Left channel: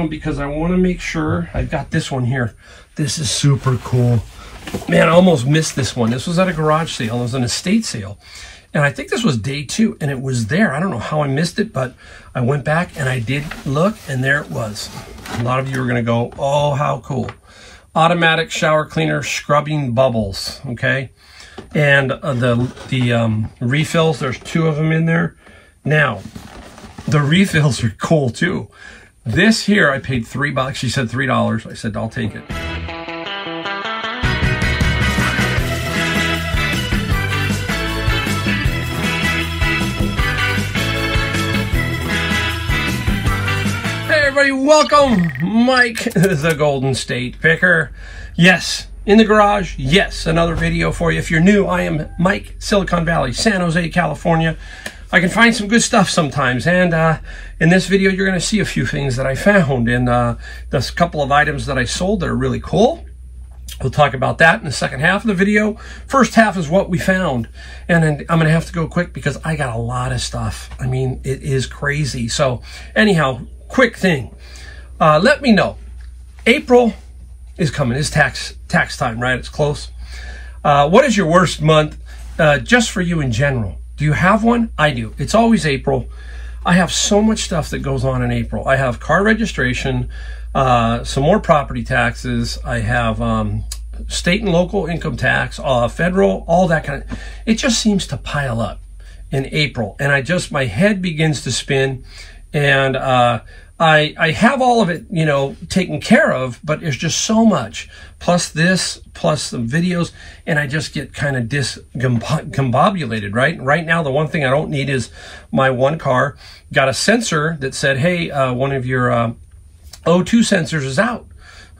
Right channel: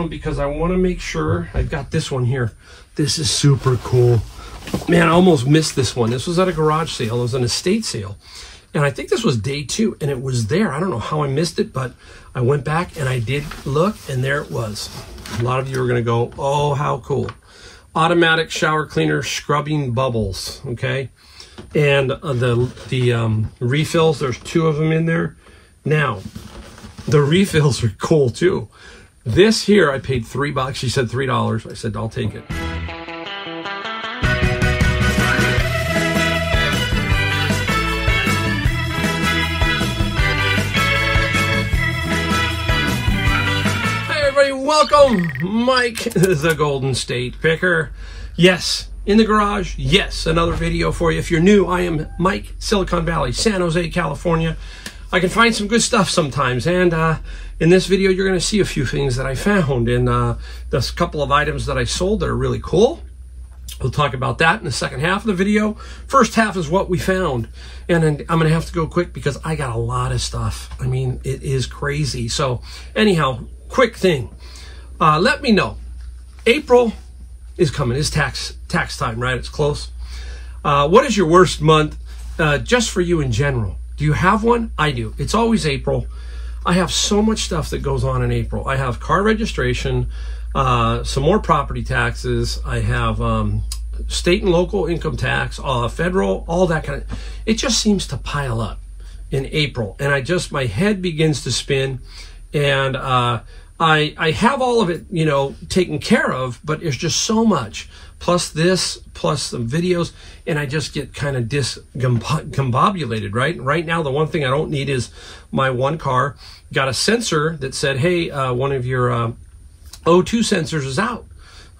around because I want to make sure. I've got this one here. This is super cool. Man, I almost missed this one. This was at a garage sale. It was an estate sale. And I think this was day 2, and it was there. I don't know how I missed it, but I went back and I did look, and there it was. A lot of you are going to go, oh, how cool. Automatic shower cleaner scrubbing bubbles, okay? And the refills, there's 2 of them in there. Now, the refills are cool too. This here, I paid $3. She said $3. I said, I'll take it. Hey everybody, welcome. Mike, the Golden State Picker. Yes, in the garage. Yes, another video for you. If you're new, I am Mike, Silicon Valley, San Jose, California. I can find some good stuff sometimes, and in this video you're going to see a few things that I found, and there's a couple of items that I sold that are really cool. We'll talk about that in the second half of the video. First half is what we found, and then I'm going to have to go quick because I got a lot of stuff. I mean, it is crazy. So anyhow, quick thing. Let me know. April is coming. It's tax time, right? It's close. What is your worst month just for you in general? Do you have one? I do. It's always April. I have so much stuff that goes on in April. I have car registration, some more property taxes. I have state and local income tax, federal, all that kind of. It just seems to pile up in April, and my head begins to spin, and I have all of it, you know, taken care of, but there's just so much. Plus this, plus some videos, and I just get kind of discombobulated, right? Right now, the one thing I don't need is my one car got a sensor that said, hey, one of your O2 sensors is out.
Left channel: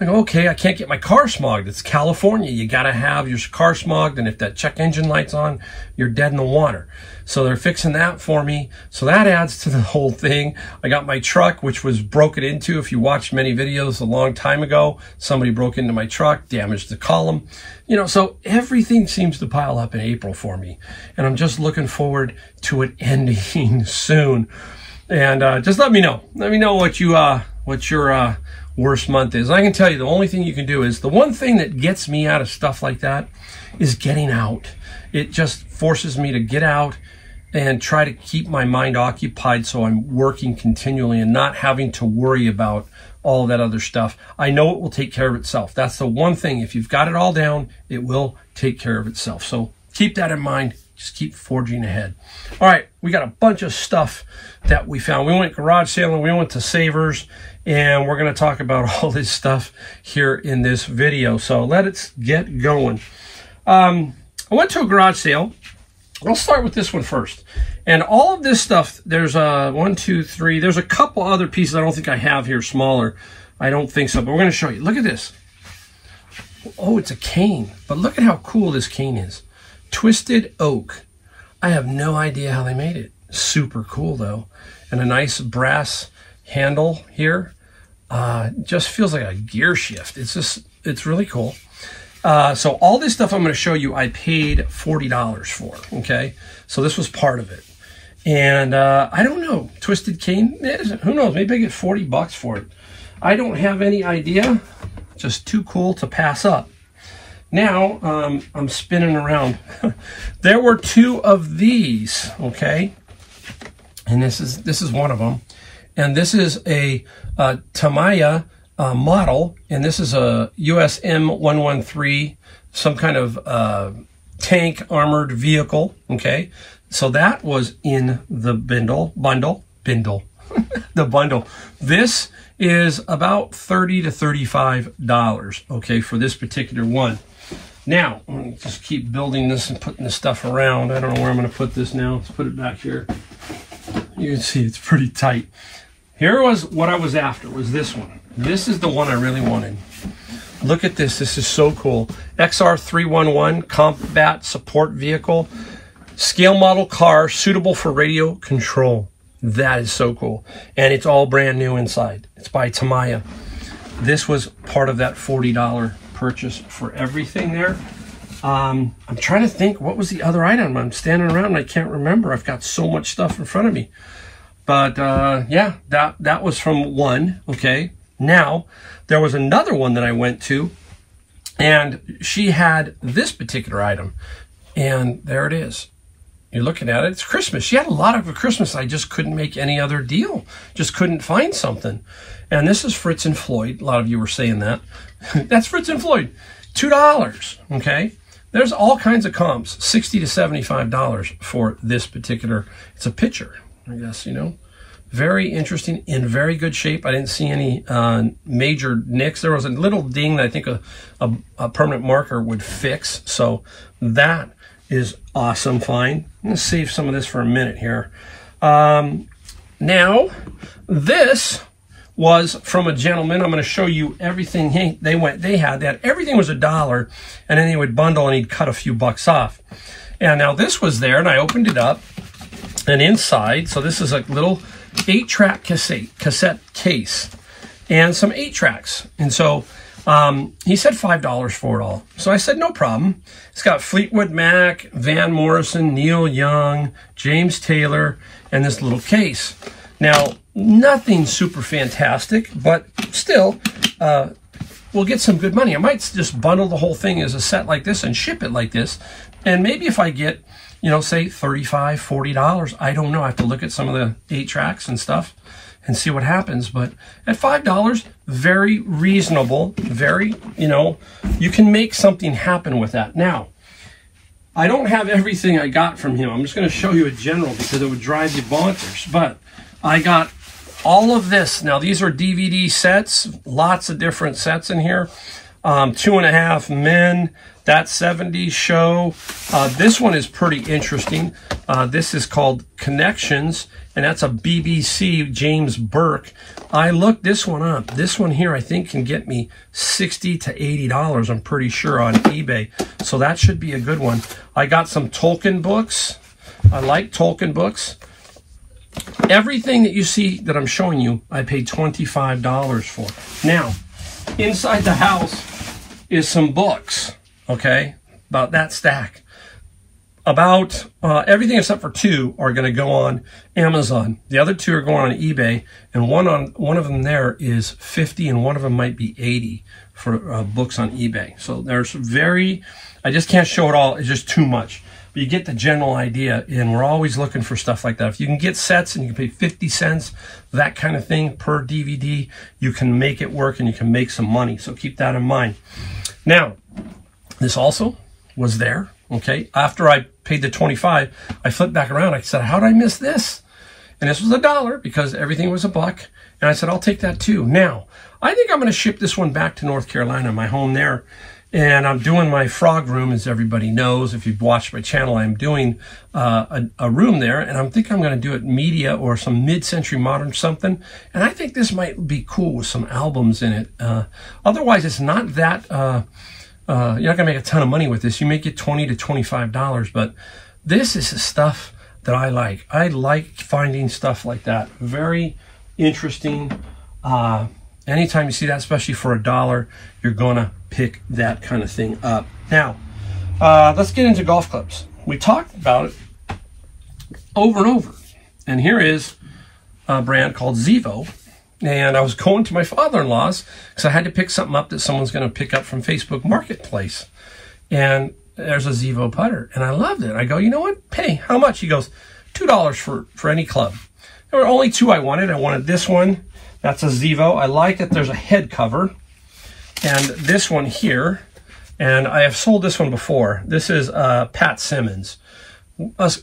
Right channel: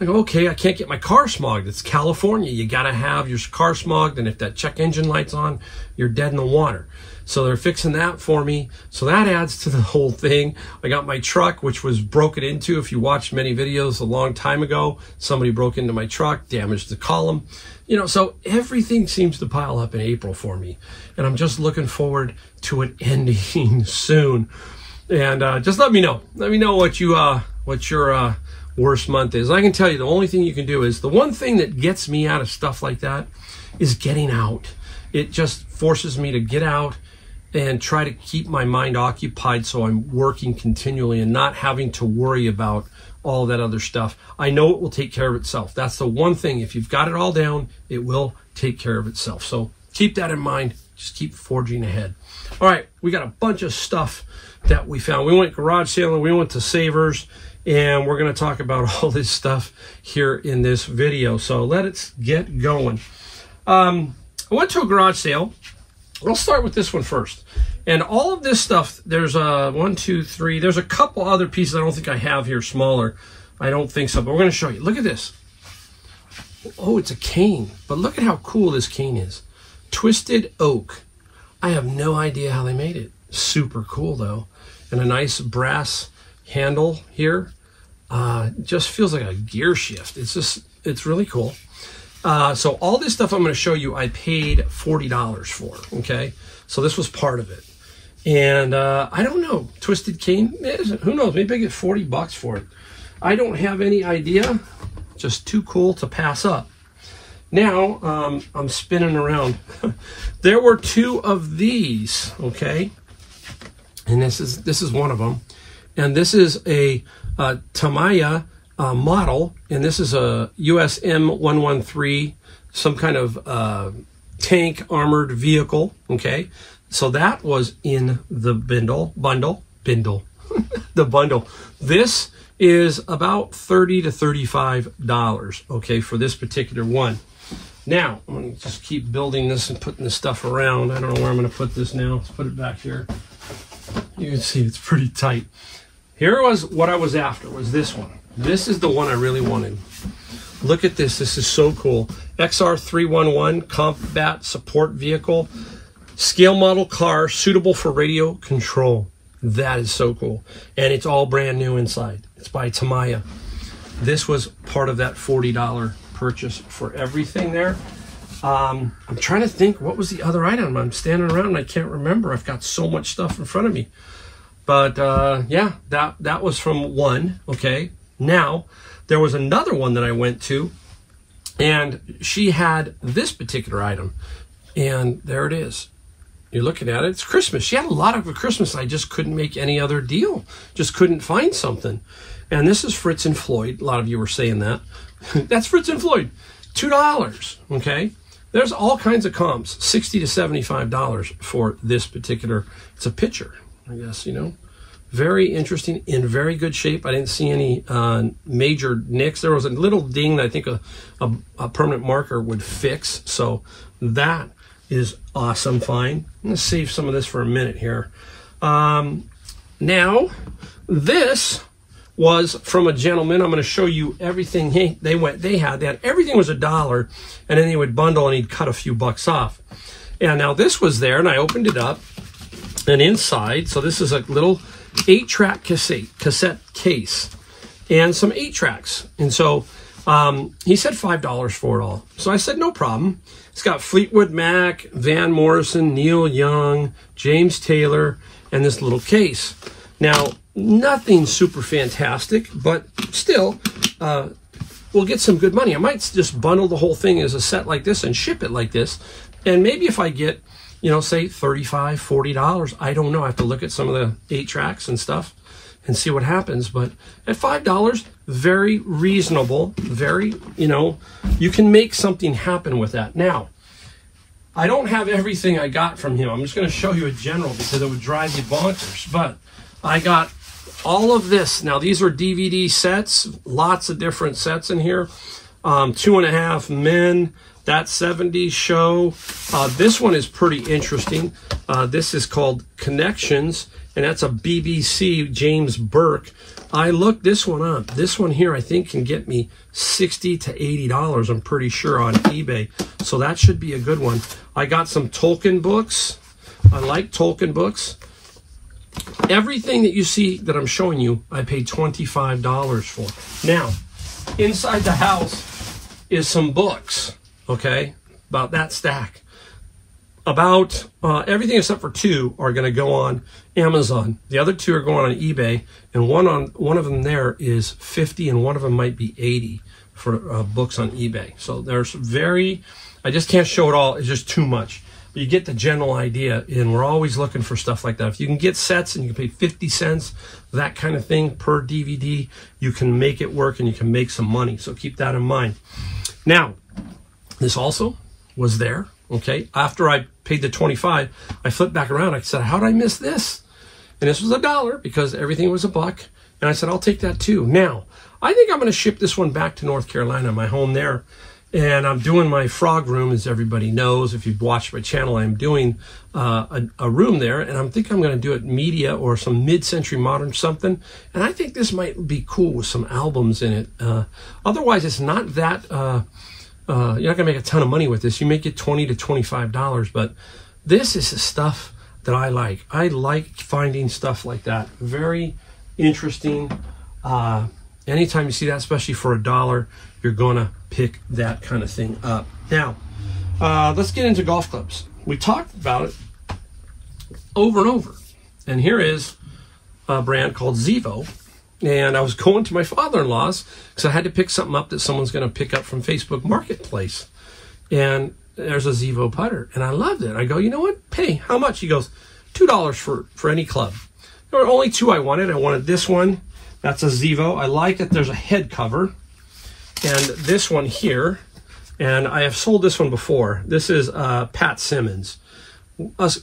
I go, okay, I can't get my car smogged. It's California. You got to have your car smogged, and if that check engine light's on, you're dead in the water. So they're fixing that for me. So that adds to the whole thing. I got my truck, which was broken into. If you watched many videos a long time ago, somebody broke into my truck, damaged the column. You know, so everything seems to pile up in April for me. And I'm just looking forward to it ending soon. And just let me know. Let me know what your worst month is. I can tell you the only thing you can do is, the one thing that gets me out of stuff like that is getting out. It just forces me to get out and try to keep my mind occupied so I'm working continually and not having to worry about all that other stuff. I know it will take care of itself. That's the one thing. If you've got it all down, it will take care of itself. So keep that in mind. Just keep forging ahead. All right, we got a bunch of stuff that we found. We went garage sailing, we went to Savers, and we're going to talk about all this stuff here in this video. So let's get going. I went to a garage sale. We'll start with this one first. And all of this stuff, there's one, two, three. There's a couple other pieces I don't think I have here, smaller. I don't think so, but we're going to show you. Look at this. Oh, it's a cane. But look at how cool this cane is. Twisted oak. I have no idea how they made it. Super cool, though. And a nice brass handle here. Just feels like a gear shift. It's really cool. So all this stuff I'm going to show you, I paid $40 for, okay? So this was part of it. And I don't know, twisted cane, who knows, maybe I get 40 bucks for it. I don't have any idea, just too cool to pass up. Now, I'm spinning around. There were 2 of these, okay? And this is one of them. And this is a Tamiya model, and this is a USM 113, some kind of tank armored vehicle, okay? So that was in the bundle, the bundle. This is about $30 to $35, okay, for this particular one. Now, I'm going to just keep building this and putting this stuff around. I don't know where I'm going to put this now. Let's put it back here. You can see it's pretty tight. Here was what I was after, was this one. This is the one I really wanted. Look at this. This is so cool. XR311 Combat Support Vehicle. Scale model car suitable for radio control. That is so cool. And it's all brand new inside. It's by Tamiya. This was part of that $40 purchase for everything there. I'm trying to think, what was the other item? I'm standing around and I can't remember. I've got so much stuff in front of me. But yeah, that was from one, okay? Now, there was another one that I went to, and she had this particular item, and there it is. You're looking at it, it's Christmas. She had a lot of for Christmas. I just couldn't make any other deal. Just couldn't find something. And this is Fritz and Floyd. A lot of you were saying that. That's Fritz and Floyd. $2, okay? There's all kinds of comps, $60 to $75 for this particular, it's a picture, I guess, you know. Very interesting, in very good shape. I didn't see any major nicks. There was a little ding that I think a permanent marker would fix. So that is awesome, fine. I'm gonna save some of this for a minute here. Now, this was from a gentleman. I'm going to show you everything they had. Everything was $1, and then they would bundle and he'd cut a few bucks off. And now this was there, and I opened it up, and inside, so this is a little 8-track cassette case and some 8-tracks. And so he said $5 for it all. So I said, no problem. It's got Fleetwood Mac, Van Morrison, Neil Young, James Taylor, and this little case. Now, nothing super fantastic, but still, we'll get some good money. I might just bundle the whole thing as a set like this and ship it like this. And maybe if I get, you know, say $35, $40, I don't know. I have to look at some of the 8-tracks and stuff and see what happens. But at $5, very reasonable, very, you know, you can make something happen with that. Now, I don't have everything I got from him. I'm just going to show you a general because it would drive you bonkers. But I got all of this. Now, these are DVD sets, lots of different sets in here. 2.5 Men, That 70s Show. This one is pretty interesting. This is called Connections, and that's a BBC James Burke. I looked this one up. This one here I think can get me $60 to $80, I'm pretty sure, on eBay. So that should be a good one. I got some Tolkien books. I like Tolkien books. Everything that you see that I'm showing you, I paid $25 for. Now, inside the house is some books, okay, about that stack. About everything except for 2 are going to go on Amazon. The other 2 are going on eBay, and one of them there is 50, and one of them might be 80 for books on eBay. So there's I just can't show it all. It's just too much. But you get the general idea, and we're always looking for stuff like that. If you can get sets and you can pay 50 cents, that kind of thing per DVD, you can make it work and you can make some money. So keep that in mind. Now, this also was there, okay? After I paid the $25, I flipped back around. I said, how did I miss this? And this was $1 because everything was $1. And I said, I'll take that too. Now, I think I'm going to ship this one back to North Carolina, my home there. And I'm doing my frog room, as everybody knows. If you've watched my channel, I'm doing a room there. And I think I'm going to do it media or some mid-century modern something. And I think this might be cool with some albums in it. Otherwise, it's not that... you're not going to make a ton of money with this. You may get $20 to $25. But this is the stuff that I like. I like finding stuff like that. Very interesting. Anytime you see that, especially for $1, you're going to pick that kind of thing up. Now, let's get into golf clubs. We talked about it over and over. And here is a brand called Zevo. And I was going to my father-in-law's because I had to pick something up that someone's going to pick up from Facebook Marketplace. And there's a Zevo putter. And I loved it. I go, you know what? Hey, how much? He goes, $2 for any club. There were only 2 I wanted. I wanted this one. That's a Zevo. I like it. There's a head cover. And this one here. And I have sold this one before. This is Pat Simmons. Us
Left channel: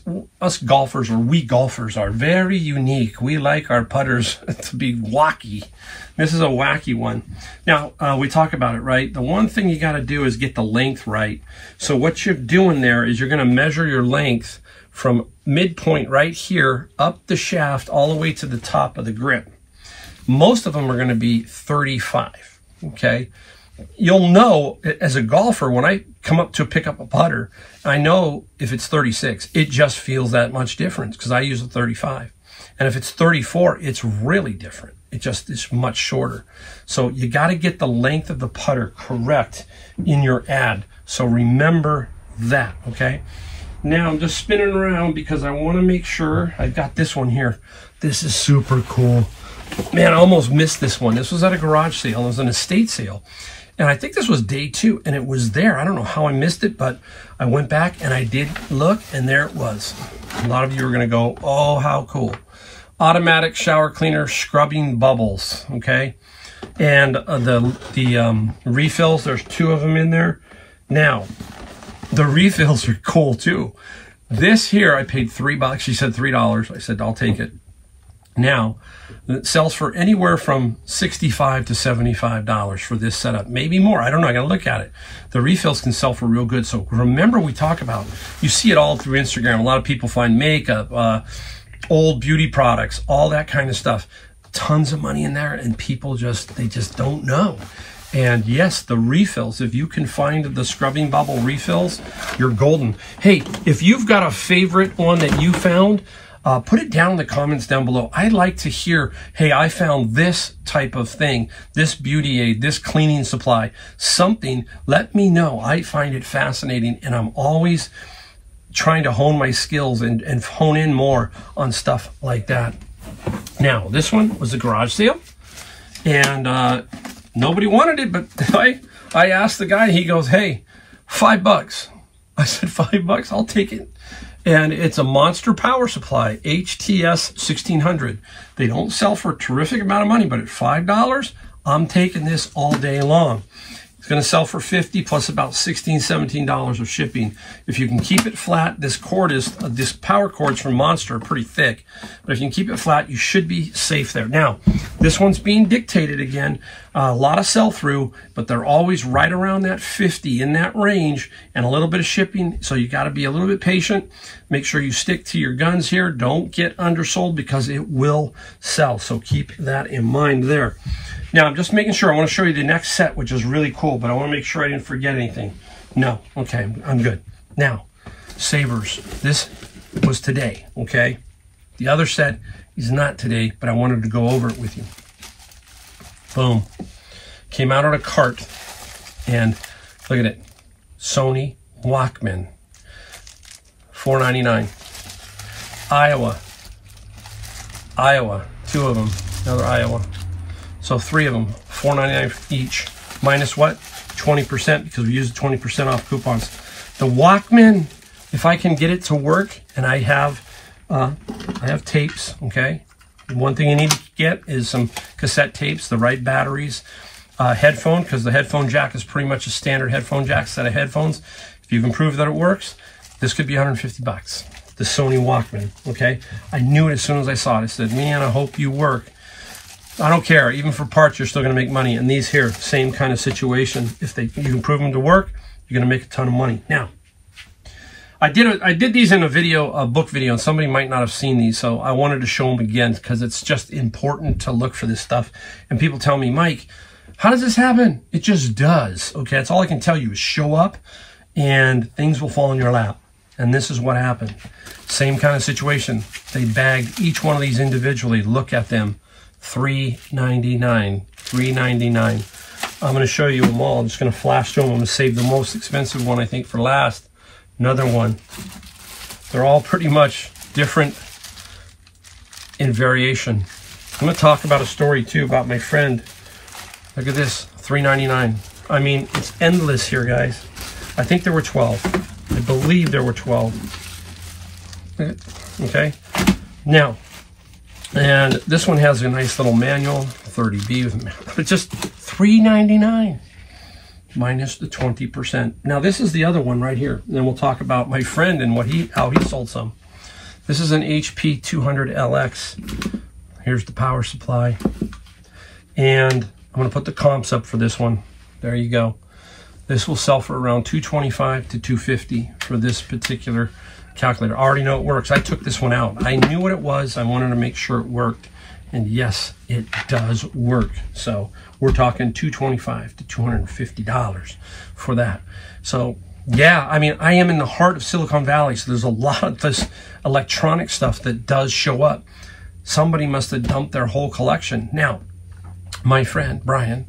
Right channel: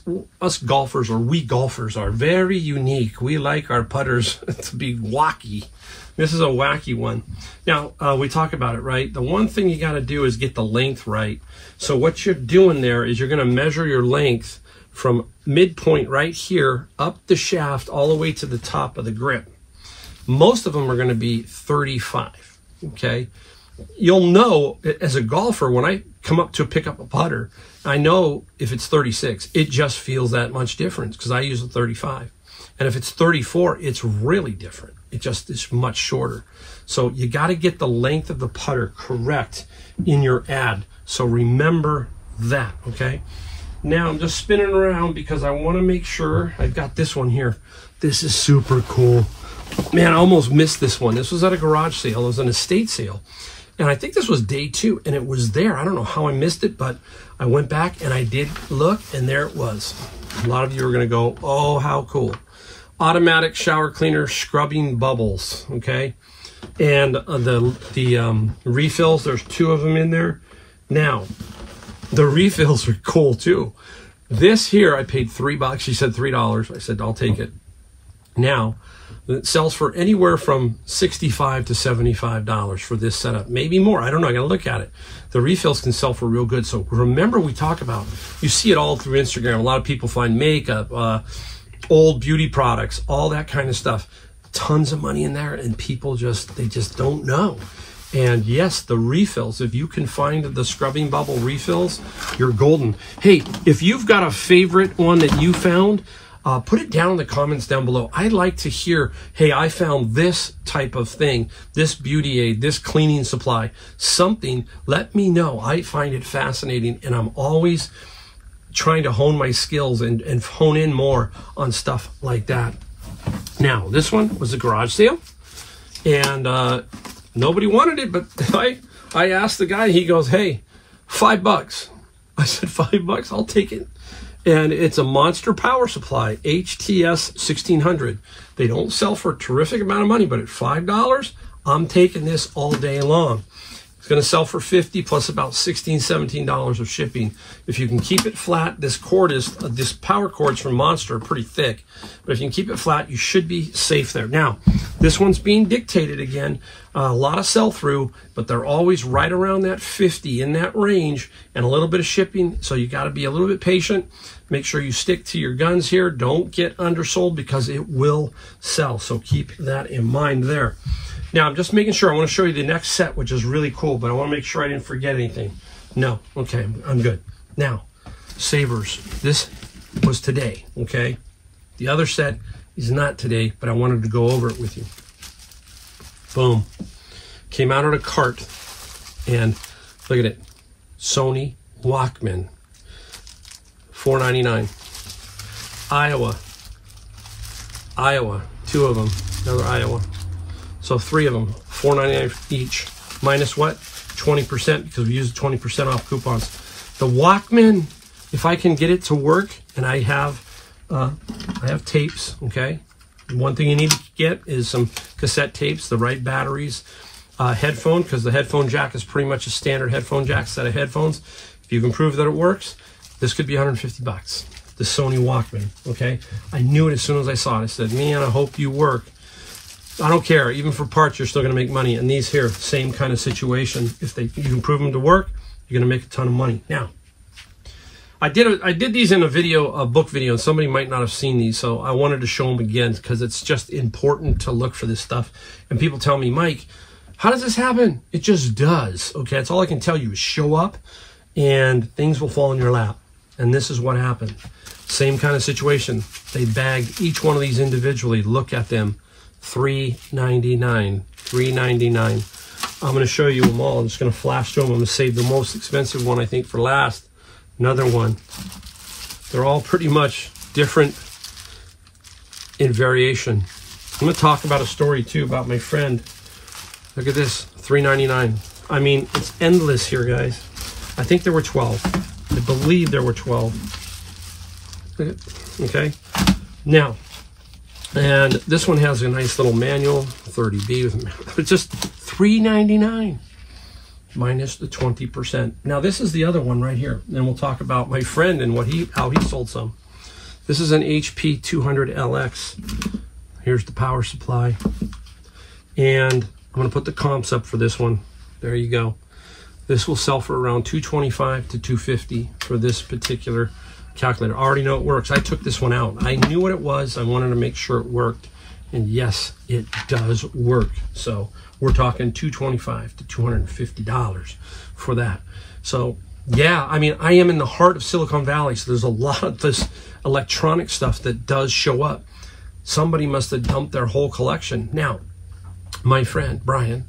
golfers, or we golfers, are very unique. We like our putters to be wacky. This is a wacky one. Now, we talk about it, right? The one thing you got to do is get the length right. So what you're doing there is you're going to measure your length from midpoint right here up the shaft all the way to the top of the grip. Most of them are going to be 35, okay? You'll know, as a golfer, when I come up to pick up a putter, I know if it's 36, it just feels that much difference because I use a 35. And if it's 34, it's really different. It's much shorter. So you got to get the length of the putter correct in your ad. So remember that, okay? Now I'm just spinning around because I want to make sure I've got this one here. This is super cool. Man, I almost missed this one. This was at a garage sale. It was an estate sale. And I think this was day 2, and it was there. I don't know how I missed it, but I went back and I did look, and there it was. A lot of you are going to go, oh, how cool. Automatic shower cleaner scrubbing bubbles, okay? And the refills, there's 2 of them in there. Now, the refills are cool too. This here, I paid $3. She said $3. I said, I'll take it. Now, it sells for anywhere from $65 to $75 for this setup. Maybe more. I don't know. I got to look at it. The refills can sell for real good. So remember, we talk about, you see it all through Instagram. A lot of people find makeup, old beauty products, all that kind of stuff. Tons of money in there, and people they just don't know. And yes, the refills, if you can find the scrubbing bubble refills, you're golden. Hey, if you've got a favorite one that you found, put it down in the comments down below. I'd like to hear, hey, I found this type of thing, this beauty aid, this cleaning supply, something. Let me know. I find it fascinating, and I'm always trying to hone my skills and hone in more on stuff like that. Now, this one was a garage sale, and nobody wanted it, but I asked the guy, he goes, hey, $5. I said, $5? I'll take it. And it's a monster power supply, HTS 1600. They don't sell for a terrific amount of money, but at $5, I'm taking this all day long. It's going to sell for $50 plus about $16, $17 of shipping. If you can keep it flat, this power cord's from Monster, pretty thick. But if you can keep it flat, you should be safe there. Now, this one's being dictated again. A lot of sell-through, but they're always right around that 50, in that range, and a little bit of shipping. So you got to be a little bit patient. Make sure you stick to your guns here. Don't get undersold because it will sell. So keep that in mind there. Now, I'm just making sure. I want to show you the next set, which is really cool, but I want to make sure I didn't forget anything. No. Okay, I'm good. Now, sabers. This was today, okay? The other set is not today, but I wanted to go over it with you. Boom. Came out on a cart, and look at it. Sony Walkman. $4.99. Iowa. 2 of them. Another Iowa. So 3 of them, $4.99 each. Minus what? 20%, because we use 20% off coupons. The Walkman, if I can get it to work, and I have tapes, okay? And one thing you need to get is some cassette tapes, the right batteries, headphone, because the headphone jack is pretty much a standard headphone jack set of headphones. If you can prove that it works, this could be $150. The Sony Walkman, okay? I knew it as soon as I saw it. I said, man, I hope you work. I don't care. Even for parts, you're still going to make money. And these here, same kind of situation. If you can prove them to work, you're going to make a ton of money. Now, I did these in a book video, and somebody might not have seen these, so I wanted to show them again because it's just important to look for this stuff. And people tell me, Mike, how does this happen? It just does. Okay, that's all I can tell you is show up, and things will fall in your lap. And this is what happened. Same kind of situation. They bagged each one of these individually. Look at them. $3.99. $3.99. I'm going to show you them all. I'm just going to flash through them. I'm going to save the most expensive one, I think, for last. Another one. They're all pretty much different in variation. I'm going to talk about a story, too, about my friend. Look at this. $3.99. I mean, it's endless here, guys. I think there were 12. I believe there were 12. Okay. Now, and this one has a nice little manual, 30B, but just $3.99 minus the 20%. Now, this is the other one right here. And then we'll talk about my friend and how he sold some. This is an HP 200LX. Here's the power supply. And I'm going to put the comps up for this one. There you go. This will sell for around $225 to $250 for this particular calculator. I already know it works. I took this one out. I knew what it was. I wanted to make sure it worked. And yes, it does work. So we're talking $225 to $250 for that. So yeah, I mean, I am in the heart of Silicon Valley. So there's a lot of this electronic stuff that does show up. Somebody must have dumped their whole collection. Now, my friend, Brian,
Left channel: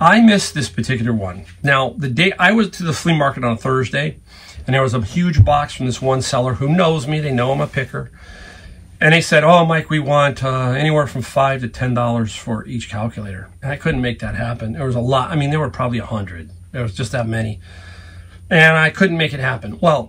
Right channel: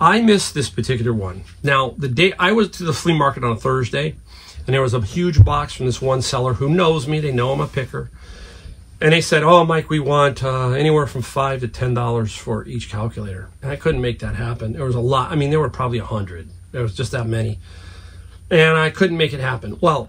I missed this particular one. Now, the day I was to the flea market on a Thursday, and there was a huge box from this one seller who knows me. They know I'm a picker. And they said, oh, Mike, we want anywhere from $5 to $10 for each calculator. And I couldn't make that happen. There was a lot. I mean, there were probably 100. There was just that many. And I couldn't make it happen. Well,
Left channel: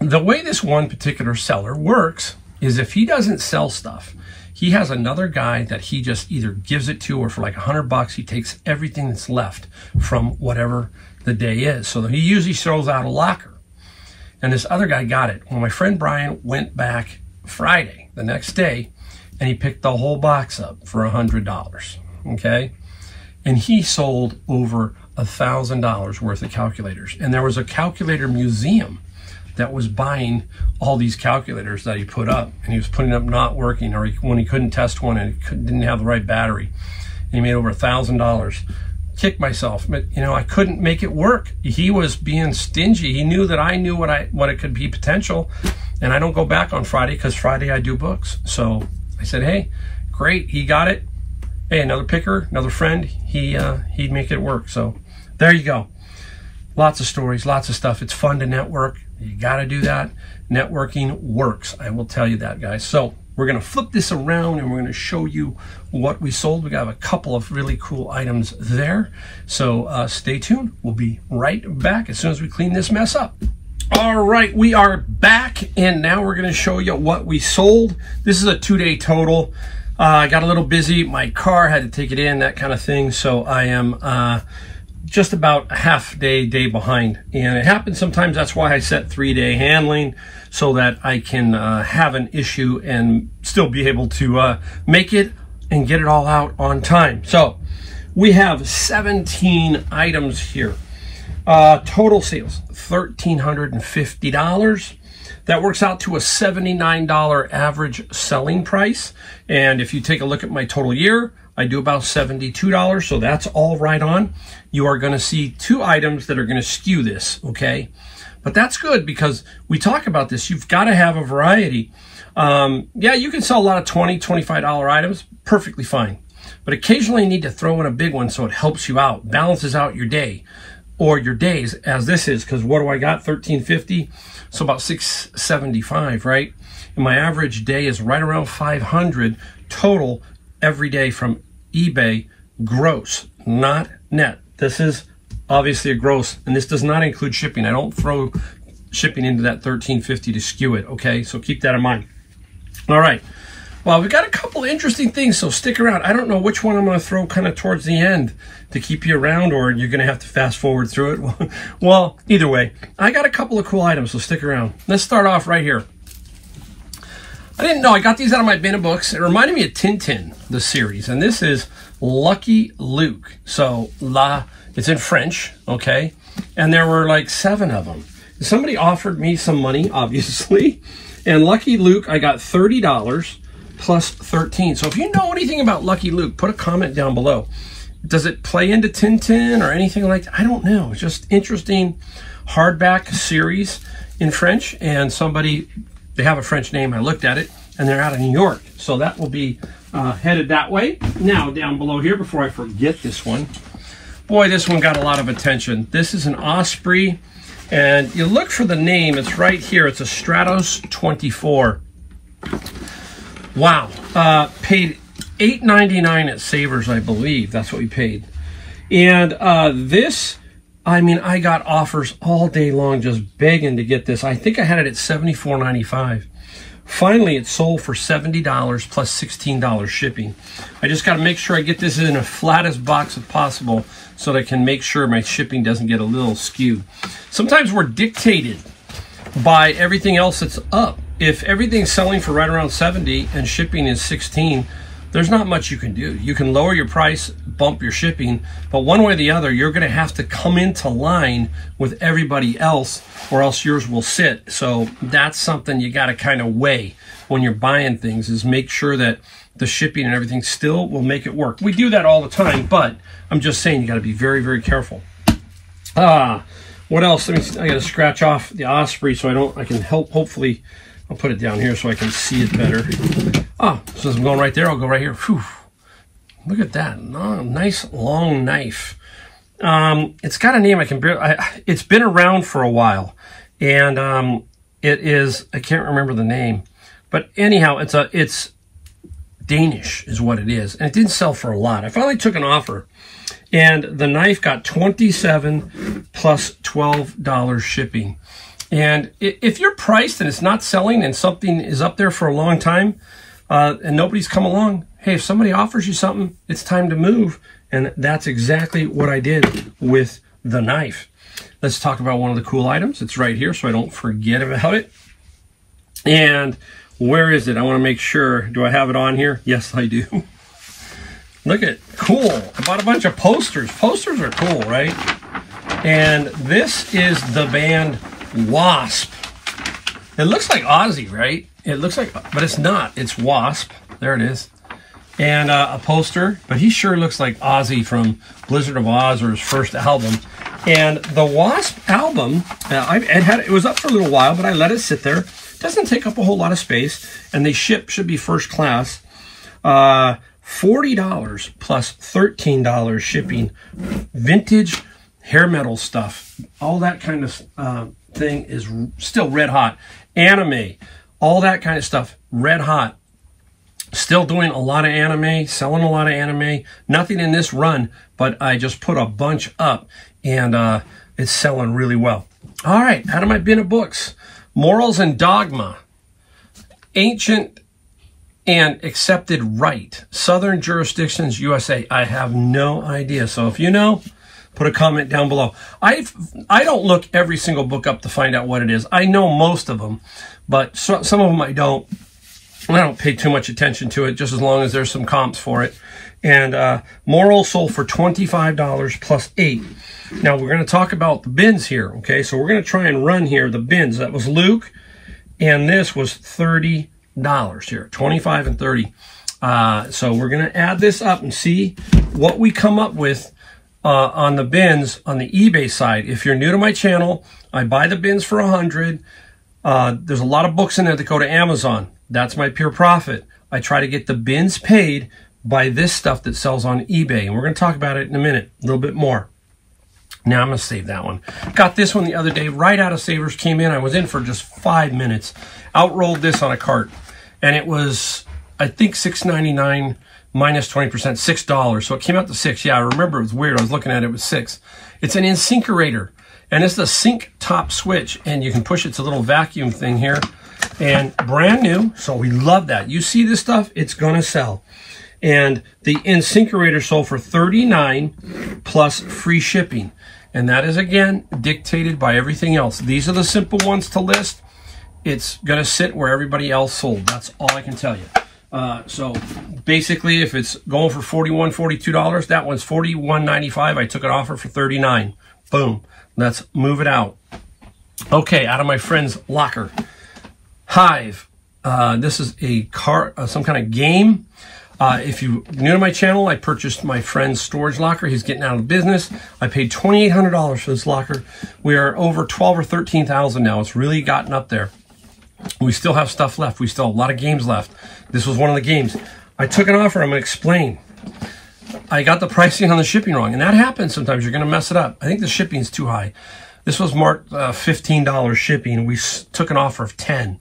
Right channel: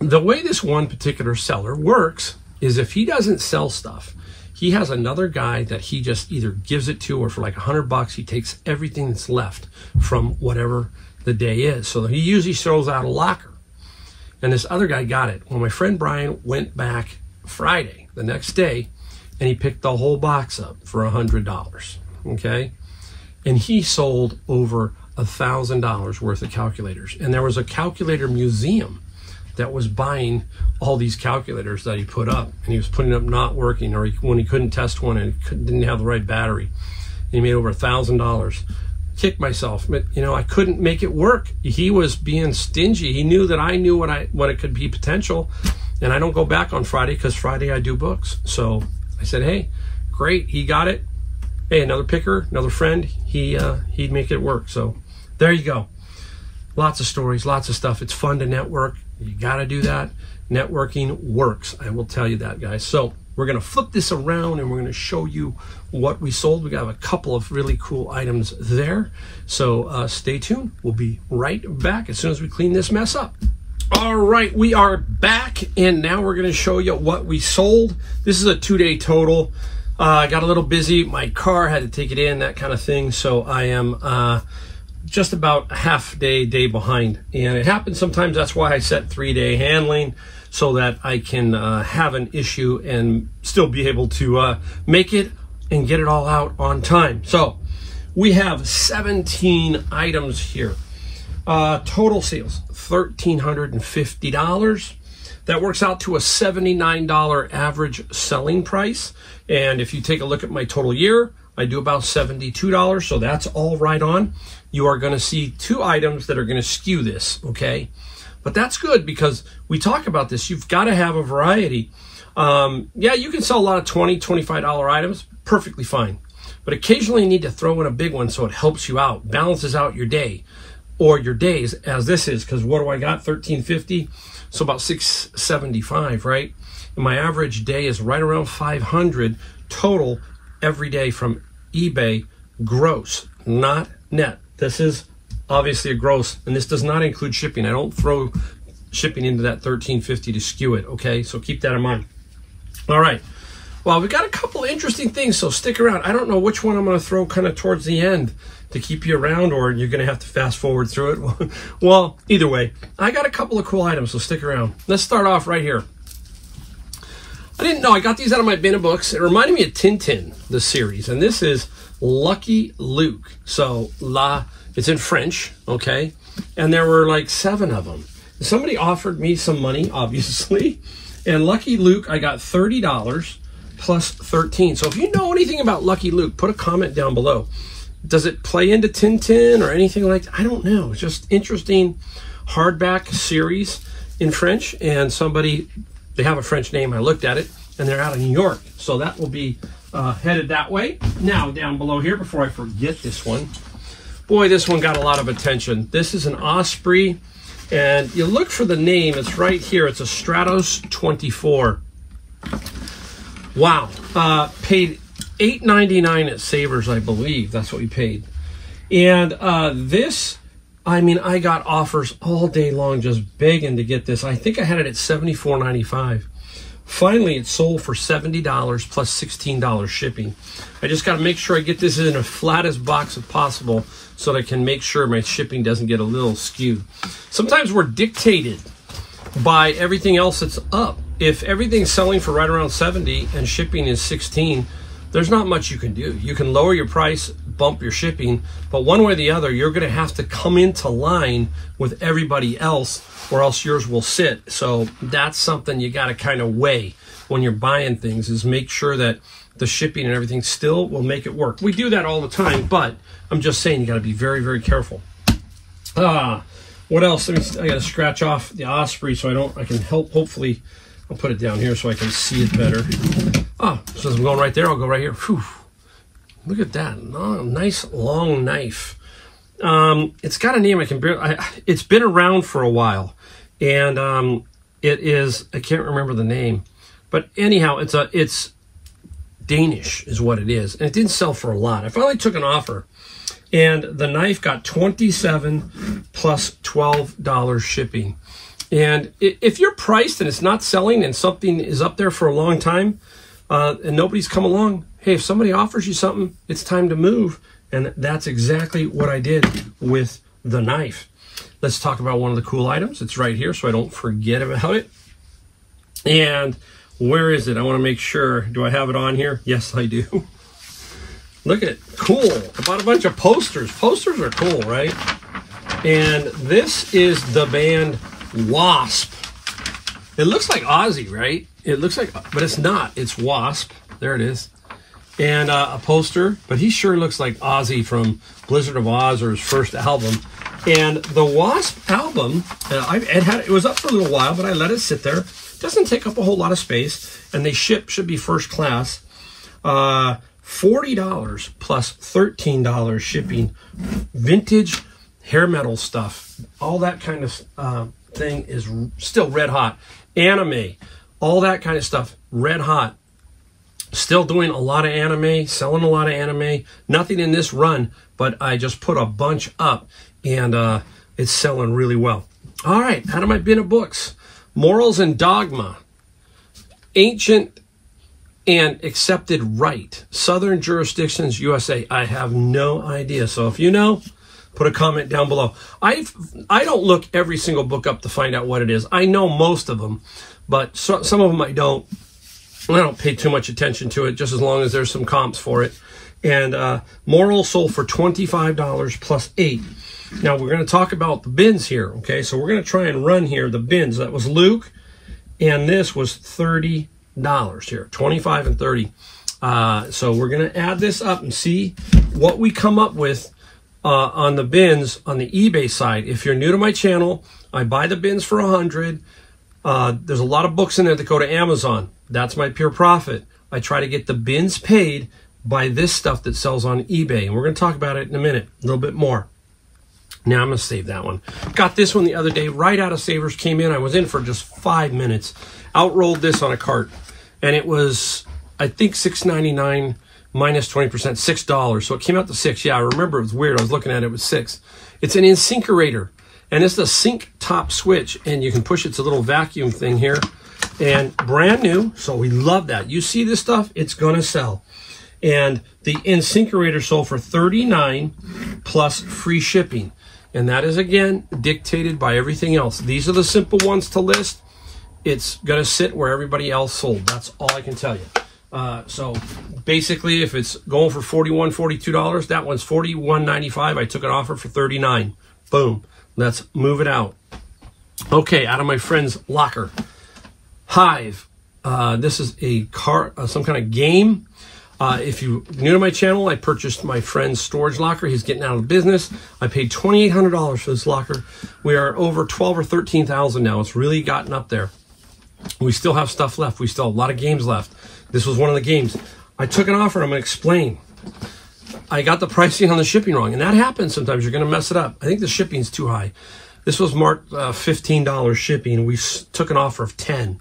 the way this one particular seller works is if he doesn't sell stuff, he has another guy that he just either gives it to, or for like $100, he takes everything that's left from whatever the day is. So he usually throws out a locker. And this other guy got it. Well, my friend Brian went back Friday, the next day, and he picked the whole box up for $100, okay? And he sold over $1,000 worth of calculators. And there was a calculator museum that was buying all these calculators that he put up, and he was putting up not working, or when he couldn't test one and didn't have the right battery. And he made over $1,000. Kicked myself, but you know, I couldn't make it work. He was being stingy. He knew that I knew what it could be potential, and I don't go back on Friday because Friday I do books. So I said, hey, great, he got it. Hey, another picker, another friend, he'd make it work. So there you go. Lots of stories, lots of stuff. It's fun to network. You got to do that. Networking works. I will tell you that, guys. So we're going to flip this around and we're going to show you what we sold. We got a couple of really cool items there. So stay tuned. We'll be right back as soon as we clean this mess up. All right, we are back, and now we're going to show you what we sold. This is a 2-day total. I got a little busy. My car had to take it in, that kind of thing. So I am just about a half-day behind. And it happens sometimes. That's why I set 3-day handling, so that I can have an issue and still be able to make it and get it all out on time. So we have 17 items here. Total sales, $1,350. That works out to a $79 average selling price. And if you take a look at my total year, I do about $72, so that's all right on. You are going to see 2 items that are going to skew this, okay? But that's good because we talk about this. You've got to have a variety. Yeah, you can sell a lot of $20, $25 items, perfectly fine. But occasionally you need to throw in a big one so it helps you out, balances out your day or your days, as this is, because what do I got? $1,350, so about $675, right? And my average day is right around $500 total every day from eBay, gross, not net. This is obviously a gross, and this does not include shipping. I don't throw shipping into that $1,350 to skew it, okay? So keep that in mind. All right. Well, we've got a couple of interesting things, so stick around. I don't know which one I'm going to throw kind of towards the end to keep you around, or you're going to have to fast forward through it. Well, either way, I got a couple of cool items, so stick around. Let's start off right here. I didn't know. I got these out of my bin of books. It reminded me of Tintin, the series, and this is Lucky Luke. So, it's in French, okay? And there were like 7 of them. Somebody offered me some money, obviously, and Lucky Luke, I got $30 plus 13. So if you know anything about Lucky Luke, put a comment down below. Does it play into Tintin or anything like that? I don't know. It's just interesting hardback series in French, and somebody, they have a French name. I looked at it, and they're out of New York. So that will be headed that way. Now, down below here, before I forget this one, boy, this one got a lot of attention. This is an Osprey, and you look for the name. It's right here. It's a Stratos 24. Wow. Paid $8.99 at Savers, I believe. That's what we paid. And this, I mean, I got offers all day long just begging to get this. I think I had it at $74.95. Finally, it sold for $70 plus $16 shipping. I just got to make sure I get this in the flattest box as possible so that I can make sure my shipping doesn't get a little skewed. Sometimes we're dictated by everything else that's up. If everything's selling for right around 70 and shipping is 16, there's not much you can do. You can lower your price, bump your shipping, but one way or the other, you're going to have to come into line with everybody else, or else yours will sit. So that's something you got to kind of weigh when you're buying things, is make sure that the shipping and everything still will make it work. We do that all the time, but I'm just saying you got to be very, very careful. What else? I got to scratch off the Osprey so I can help. Hopefully, I'll put it down here so I can see it better. Oh, so I'm going right there. I'll go right here. Whew. Look at that. Oh, nice long knife. It's got a name I can barely... it's been around for a while. And it is... I can't remember the name. But anyhow, it's Danish is what it is. And it didn't sell for a lot. I finally took an offer. And the knife got $27 plus $12 shipping. And if you're priced and it's not selling and something is up there for a long time and nobody's come along, hey, if somebody offers you something, it's time to move. And that's exactly what I did with the knife. Let's talk about one of the cool items. It's right here so I don't forget about it. And where is it? I want to make sure. Do I have it on here? Yes, I do. Look at it. Cool. I bought a bunch of posters. Posters are cool, right? And this is the band Wasp. It looks like Ozzy, right? It looks like, but it's not. It's Wasp. There it is. And a poster, but he sure looks like Ozzy from Blizzard of Oz or his first album. And the Wasp album, it was up for a little while, but I let it sit there. It doesn't take up a whole lot of space, and they should be first class. $40 plus $13 shipping. Vintage hair metal stuff. All that kind of thing is still red hot. Anime, all that kind of stuff, red hot. Still doing a lot of anime, selling a lot of anime. Nothing in this run, but I just put a bunch up, and it's selling really well. All right, out of my bin of books. Morals and Dogma. Ancient and Accepted Right. Southern Jurisdictions, USA. I have no idea. So if you know, put a comment down below. I don't look every single book up to find out what it is. I know most of them, but some of them I don't. I don't pay too much attention to it, just as long as there's some comps for it. And Moral sold for $25 plus $8. Now, we're going to talk about the bins here, okay? So we're going to try and run here the bins. That was Luke, and this was $30 here, 25 and 30. So we're going to add this up and see what we come up with on the bins on the eBay side. If you're new to my channel, I buy the bins for $100. There's a lot of books in there that go to Amazon. That's my pure profit. I try to get the bins paid by this stuff that sells on eBay. And we're going to talk about it in a minute, a little bit more. Now I'm going to save that one. Got this one the other day, right out of Savers, came in. I was in for just 5 minutes. Outrolled this on a cart. And it was, I think, $6.99 minus 20%, $6. So it came out to $6. Yeah, I remember it was weird. I was looking at it, it was $6. It's an Insinkerator. And it's the sync top switch. And you can push it. It's a little vacuum thing here. And brand new. So we love that. You see this stuff, it's going to sell. And the Insinkerator sold for $39 plus free shipping. And that is, again, dictated by everything else. These are the simple ones to list. It's going to sit where everybody else sold. That's all I can tell you. So basically, if it's going for $41, $42, that one's $41.95. I took an offer for $39. Boom. Let's move it out. Okay, out of my friend's locker. Hive. This is a some kind of game. If you're new to my channel, I purchased my friend's storage locker. He's getting out of business. I paid $2,800 for this locker. We are over 12 or 13,000 now. It's really gotten up there. We still have stuff left. We still have a lot of games left. This was one of the games. I took an offer. I'm going to explain. I got the pricing on the shipping wrong, and that happens sometimes. You're going to mess it up. I think the shipping's too high. This was marked $15 shipping. We took an offer of $10.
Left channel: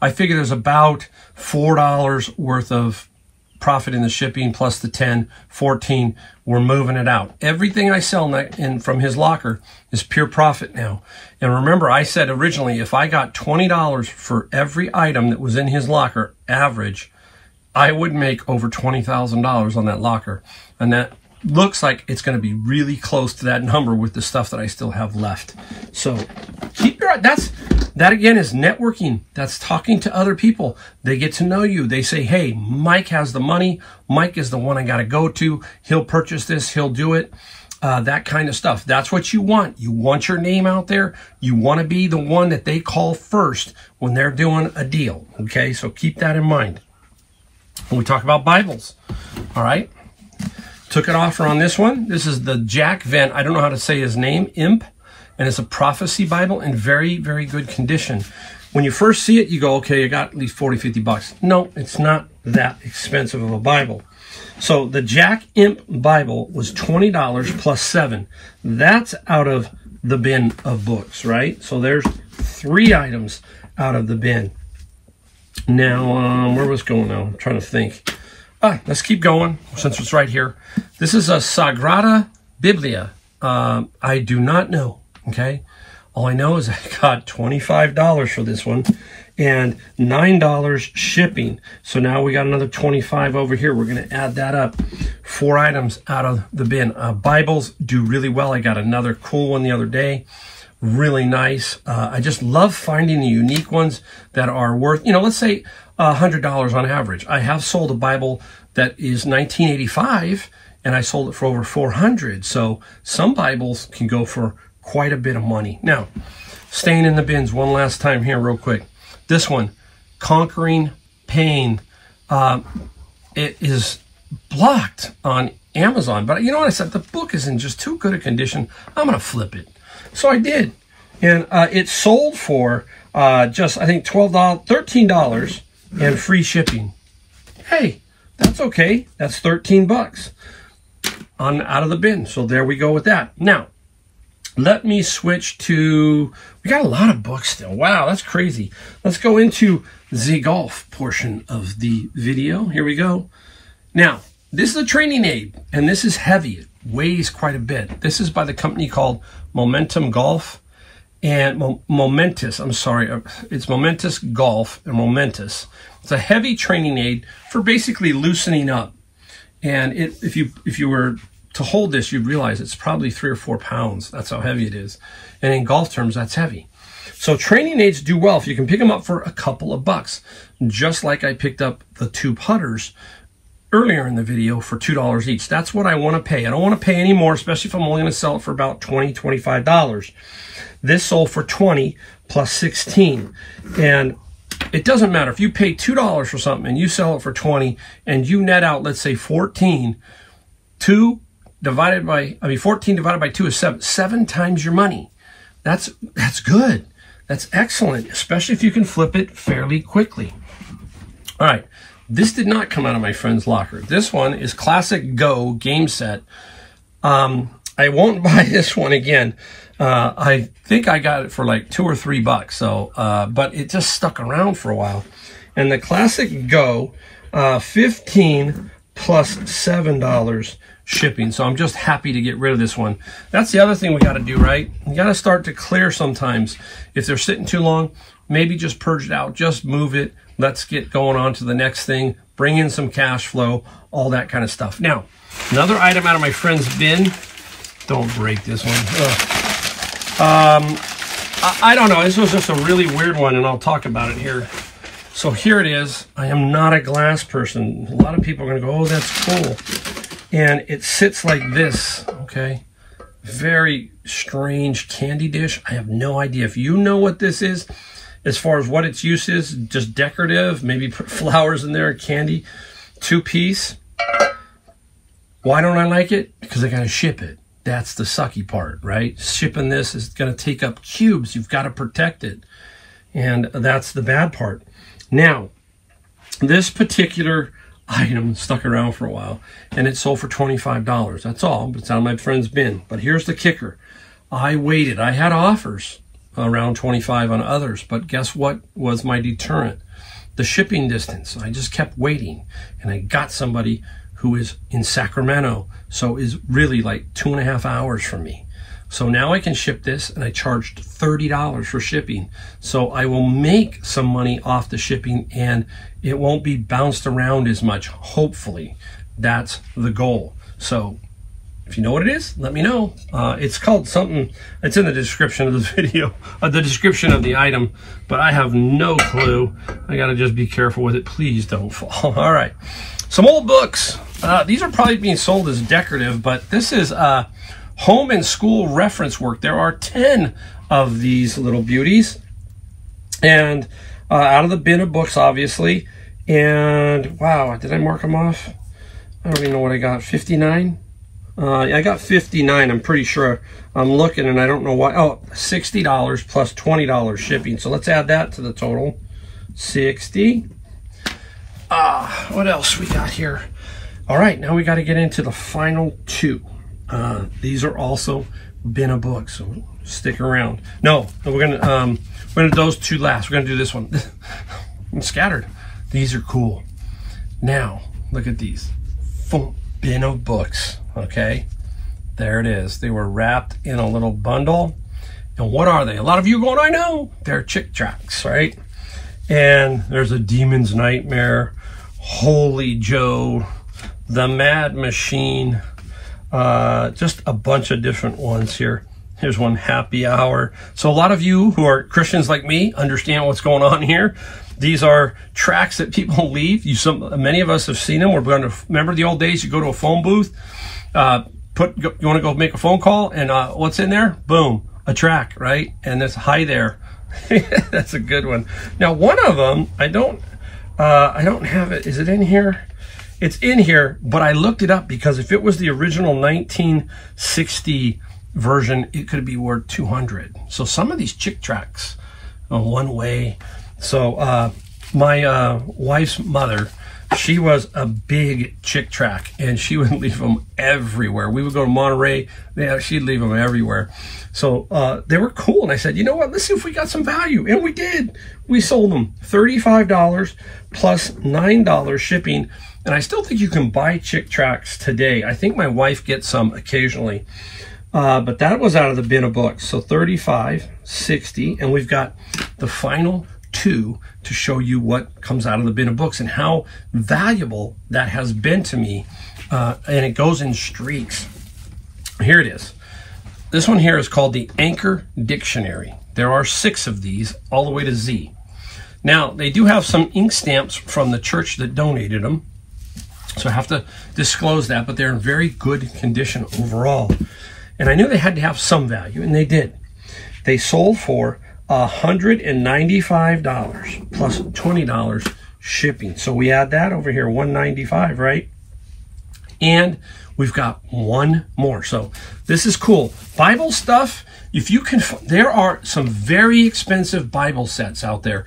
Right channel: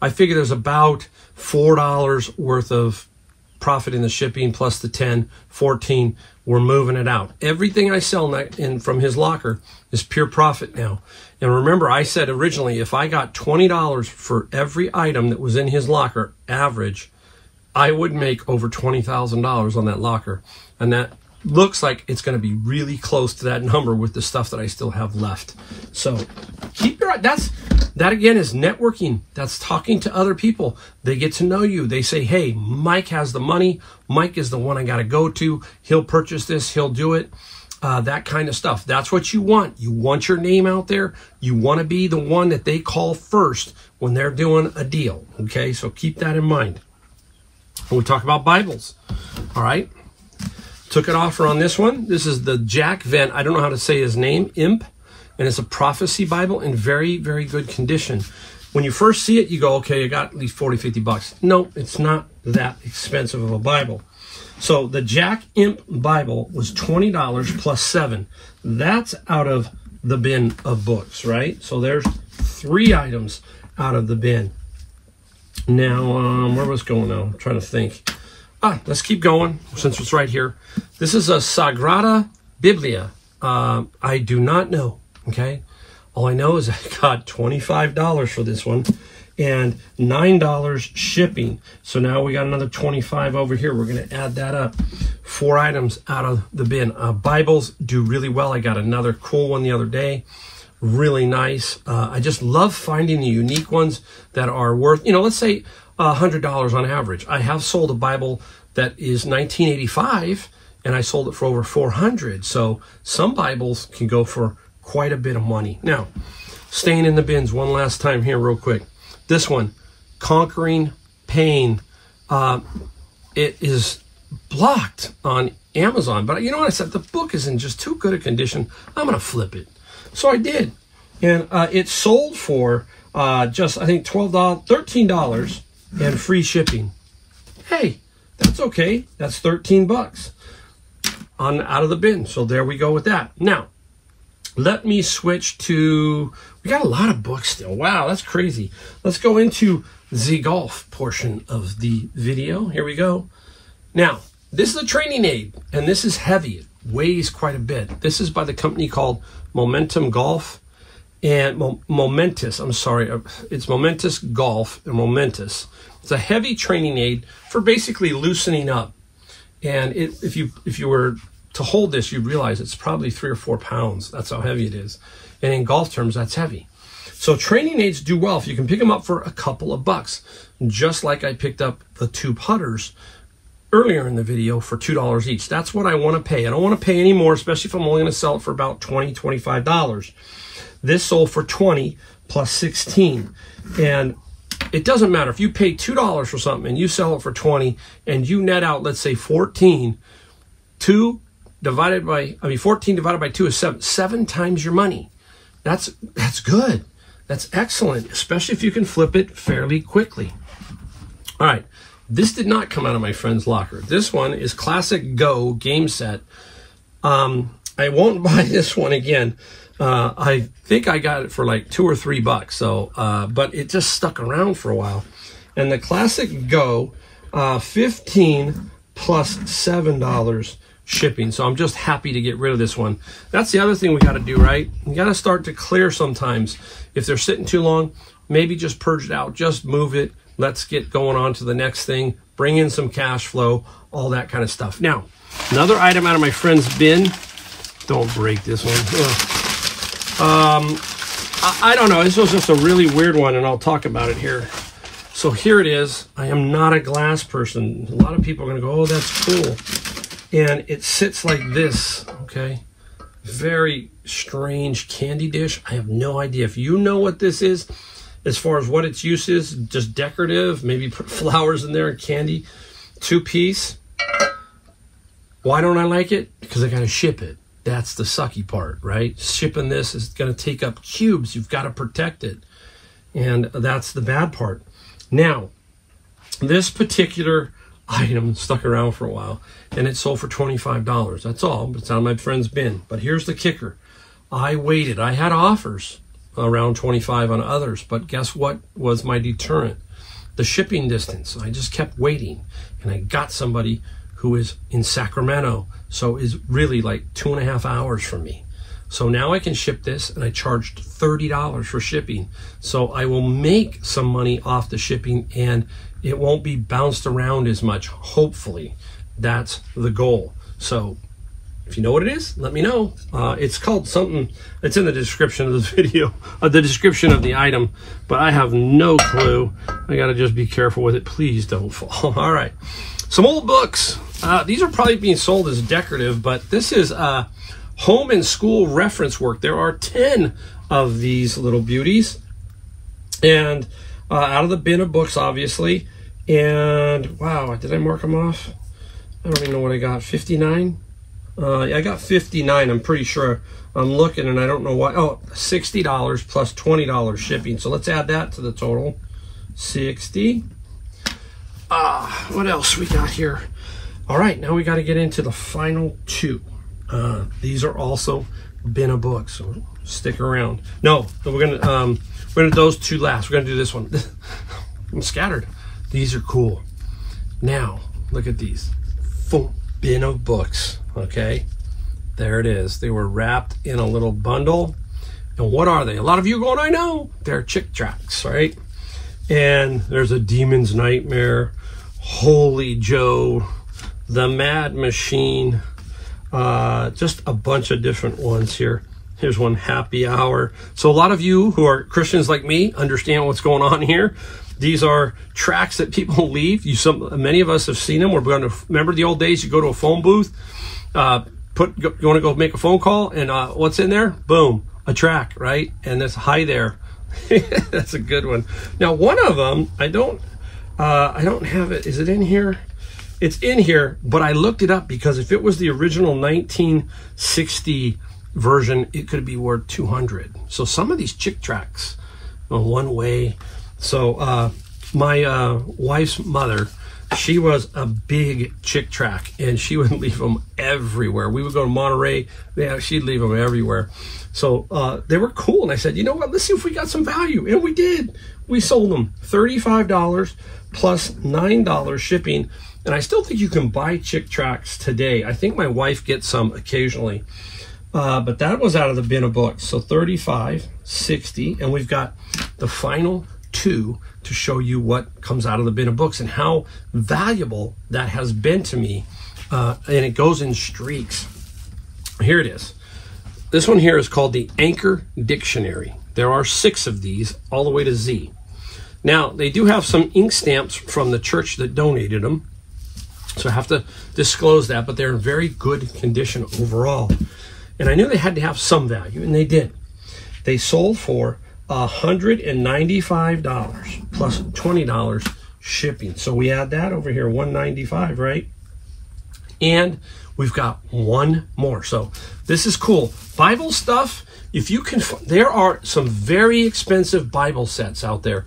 I figure there's about $4 worth of profit in the shipping plus the 10, 14. We're moving it out. Everything I sell from his locker is pure profit now. And remember, I said originally, if I got $20 for every item that was in his locker, average, I would make over $20,000 on that locker. And that looks like it's going to be really close to that number with the stuff that I still have left. So keep your eye. That again is networking. That's talking to other people. They get to know you. They say, hey, Mike has the money. Mike is the one I got to go to. He'll purchase this. He'll do it. That kind of stuff. That's what you want. You want your name out there. You want to be the one that they call first when they're doing a deal. Okay, so keep that in mind. When we talk about Bibles, all right? Took an offer on this one. This is the Jack Venn. I don't know how to say his name, Imp. And it's a prophecy Bible in very, very good condition. When you first see it, you go, okay, you got at least 40, 50 bucks. No, it's not that expensive of a Bible. So the Jack Imp Bible was $20 plus 7. That's out of the bin of books, right? So there's 3 items out of the bin. Now, where was going now? I'm trying to think. Let's keep going since it's right here. This is a Sagrada Biblia. I do not know, okay? All I know is I got $25 for this one and $9 shipping. So now we got another 25 over here. We're going to add that up. 4 items out of the bin. Bibles do really well. I got another cool one the other day. Really nice. I just love finding the unique ones that are worth, you know, let's say $100 on average. I have sold a Bible that is 1985 and I sold it for over 400. So some Bibles can go for quite a bit of money. Now, staying in the bins one last time here real quick. This one, Conquering Pain. It is blocked on Amazon, but you know what I said? The book is in just too good a condition. I'm going to flip it. So I did. And it sold for just, I think, $13 and free shipping. Hey, that's okay. That's 13 bucks out of the bin. So there we go with that. Now, let me switch to, we got a lot of books still. Wow, that's crazy. Let's go into the golf portion of the video. Here we go. Now, this is a training aid, and this is heavy. It weighs quite a bit. This is by the company called Momentum Golf and Momentous. I'm sorry, it's Momentous Golf and Momentous. It's a heavy training aid for basically loosening up. And if you were to hold this, you'd realize it's probably 3 or 4 pounds. That's how heavy it is. And in golf terms, that's heavy. So training aids do well if you can pick them up for a couple of bucks. Just like I picked up the 2 putters earlier in the video for $2 each. That's what I want to pay. I don't want to pay any more, especially if I'm only going to sell it for about $20, $25. This sold for $20 plus 16. And it doesn't matter. If you pay $2 for something and you sell it for $20 and you net out, let's say 14, 14 divided by 2 is 7. 7 times your money. That's good. That's excellent, especially if you can flip it fairly quickly. All right. This did not come out of my friend's locker. This one is Classic Go game set. I won't buy this one again. I think I got it for like $2 or $3. So, but it just stuck around for a while. And the Classic Go, 15 plus $7 shipping. So I'm just happy to get rid of this one. That's the other thing we got to do, right? You got to start to clear sometimes. If they're sitting too long, maybe just purge it out. Just move it. Let's get going on to the next thing. Bring in some cash flow, all that kind of stuff. Now, another item out of my friend's bin. Don't break this one. I don't know. This was just a really weird one, and I'll talk about it here. So here it is. I am not a glass person. A lot of people are going to go, oh, that's cool. And it sits like this, okay? Very strange candy dish. I have no idea. If you know what this is, as far as what its use is, just decorative, maybe put flowers in there, candy, 2-piece. Why don't I like it? Because I got to ship it. That's the sucky part, right? Shipping this is going to take up cubes. You've got to protect it. And that's the bad part. Now, this particular item stuck around for a while, and it sold for $25. That's all. It's out of my friend's bin. But here's the kicker. I waited. I had offers around 25 on others, but guess what was my deterrent? The shipping distance. I just kept waiting, and I got somebody who is in Sacramento, so is really like 2.5 hours from me. So now I can ship this, and I charged $30 for shipping. So I will make some money off the shipping, and it won't be bounced around as much, hopefully. That's the goal. So if you know what it is, let me know. It's called something, it's in the description of the video, the description of the item, but I have no clue. I gotta just be careful with it. Please don't fall. All right, some old books. These are probably being sold as decorative, but this is home and school reference work. There are 10 of these little beauties, and out of the bin of books, obviously. And wow, did I mark them off? I don't even know what I got, 59? I got 59, I'm pretty sure. I'm looking and I don't know why. Oh, $60 plus $20 shipping. So let's add that to the total. 60. What else we got here? All right, now we got to get into the final 2. These are also bin of books, so stick around. No, we're gonna do those 2 last. We're gonna do this one. I'm scattered. These are cool. Now, look at these. Bin of books, okay? There it is. They were wrapped in a little bundle. And what are they? A lot of you going, I know. They're Chick tracts, right? And there's a Demon's Nightmare, Holy Joe, The Mad Machine, just a bunch of different ones here. Here's one, Happy Hour. So a lot of you who are Christians like me understand what's going on here. These are tracts that people leave. Many of us have seen them. We're going to remember the old days. You go to a phone booth, you want to go make a phone call, and what's in there? Boom, a tract, right? And that's hi there. That's a good one. Now, one of them, I don't have it. Is it in here? It's in here, but I looked it up because if it was the original 1960 version, it could be worth $200. So some of these Chick tracts, one way. So my wife's mother, she was a big Chick tract, and she would leave them everywhere. We would go to Monterey, she'd leave them everywhere. So they were cool, and I said, you know what, let's see if we got some value. And we did. We sold them $35 plus $9 shipping. And I still think you can buy Chick tracts today. I think my wife gets some occasionally. But that was out of the bin of books. So 35, 60, and we've got the final two to show you what comes out of the bin of books and how valuable that has been to me. And it goes in streaks. Here it is. This one here is called the Anchor Dictionary. There are 6 of these all the way to Z. Now, they do have some ink stamps from the church that donated them. So I have to disclose that, but they're in very good condition overall. And I knew they had to have some value, and they did. They sold for $195 plus $20 shipping. So we add that over here, $195, right? And we've got one more. So this is cool. Bible stuff, if you can, there are some very expensive Bible sets out there.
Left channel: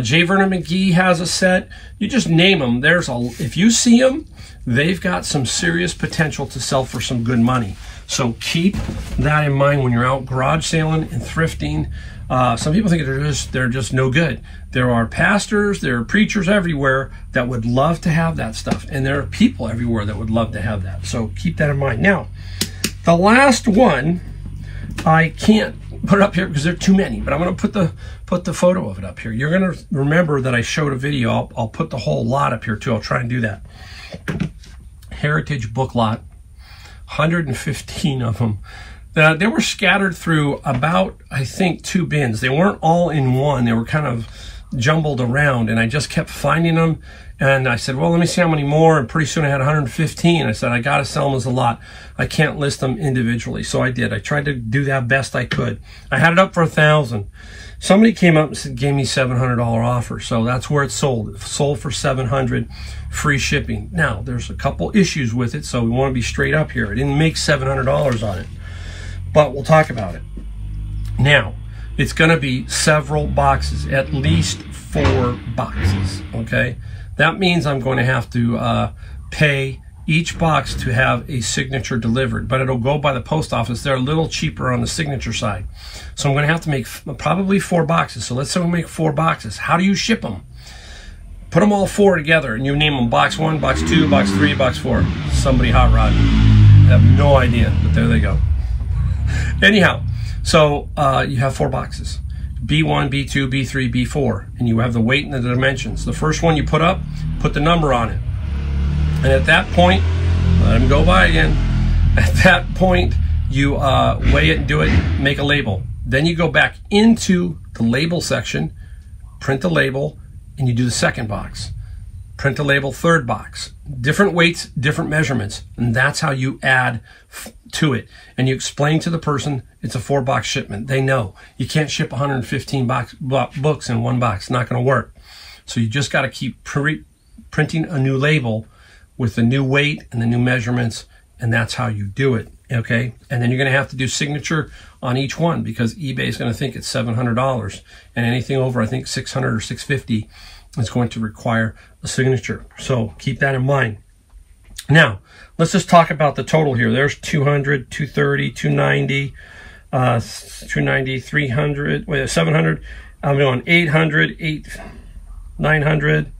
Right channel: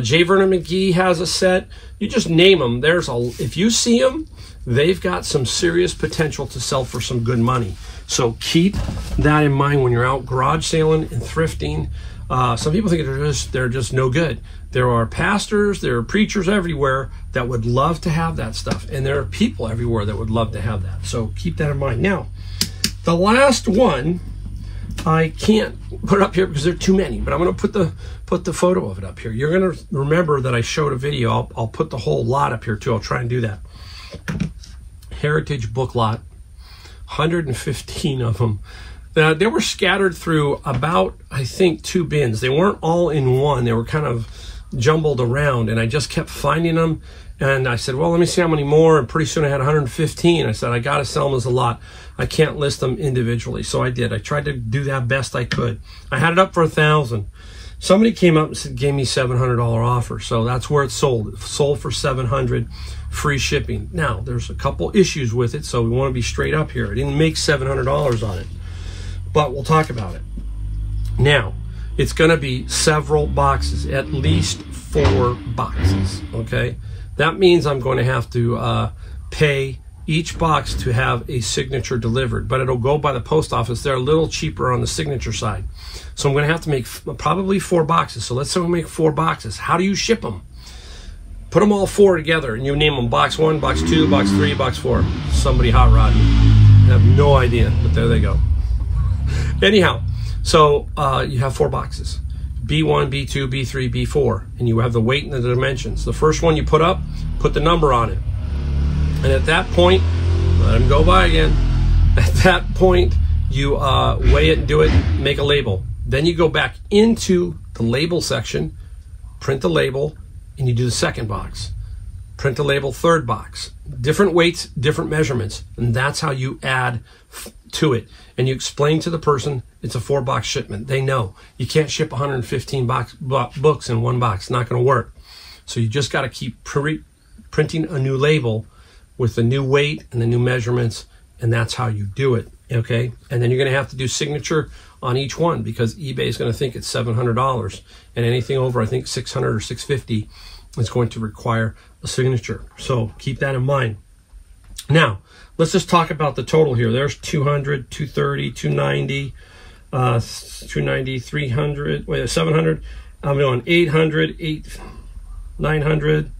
J. Vernon McGee has a set. You just name them. If you see them, they've got some serious potential to sell for some good money. So keep that in mind when you're out garage sailing and thrifting. Some people think they're just no good. There are pastors, there are preachers everywhere that would love to have that stuff. And there are people everywhere that would love to have that. So keep that in mind. Now, the last one, I can't put it up here because there are too many, but I'm going to put the photo of it up here. You're going to remember that I showed a video. I'll put the whole lot up here too. I'll try and do that. Heritage book lot, 115 of them. They were scattered through about, I think, 2 bins. They weren't all in one. They were kind of jumbled around, and I just kept finding them. And I said, well, let me see how many more. And pretty soon I had 115. I said, I got to sell them as a lot. I can't list them individually. So I did. I tried to do that best I could. I had it up for $1,000. Somebody came up and said, gave me $700 offer. So that's where it sold. It sold for $700, free shipping. Now, there's a couple issues with it, so we want to be straight up here. I didn't make $700 on it, but we'll talk about it. Now, it's going to be several boxes, at least 4 boxes, okay? That means I'm going to have to pay each box to have a signature delivered, but it'll go by the post office. They're a little cheaper on the signature side. So I'm going to have to make probably 4 boxes. So let's say we make 4 boxes. How do you ship them? Put them all 4 together, and you name them box 1, box 2, box 3, box 4. Somebody hot rod. I have no idea, but there they go. Anyhow, so you have 4 boxes. B1, B2, B3, B4, and you have the weight and the dimensions. The first one you put up, put the number on it. And at that point, let them go by again. At that point, you weigh it and do it, make a label. Then you go back into the label section, print the label, and you do the second box. Print the label, third box. Different weights, different measurements, and that's how you add to it. And you explain to the person it's a 4-box shipment. They know. You can't ship 115 books in 1 box. It's not going to work. So you just got to keep printing a new label with the new weight and the new measurements, and that's how you do it, okay? And then you're going to have to do signature on each one because eBay is going to think it's $700, and anything over, I think, $600 or $650 is going to require a signature. So keep that in mind. Now, let's just talk about the total here. There's 200, 230, 290, 290, 300, wait, 700. I'm going 800, 900,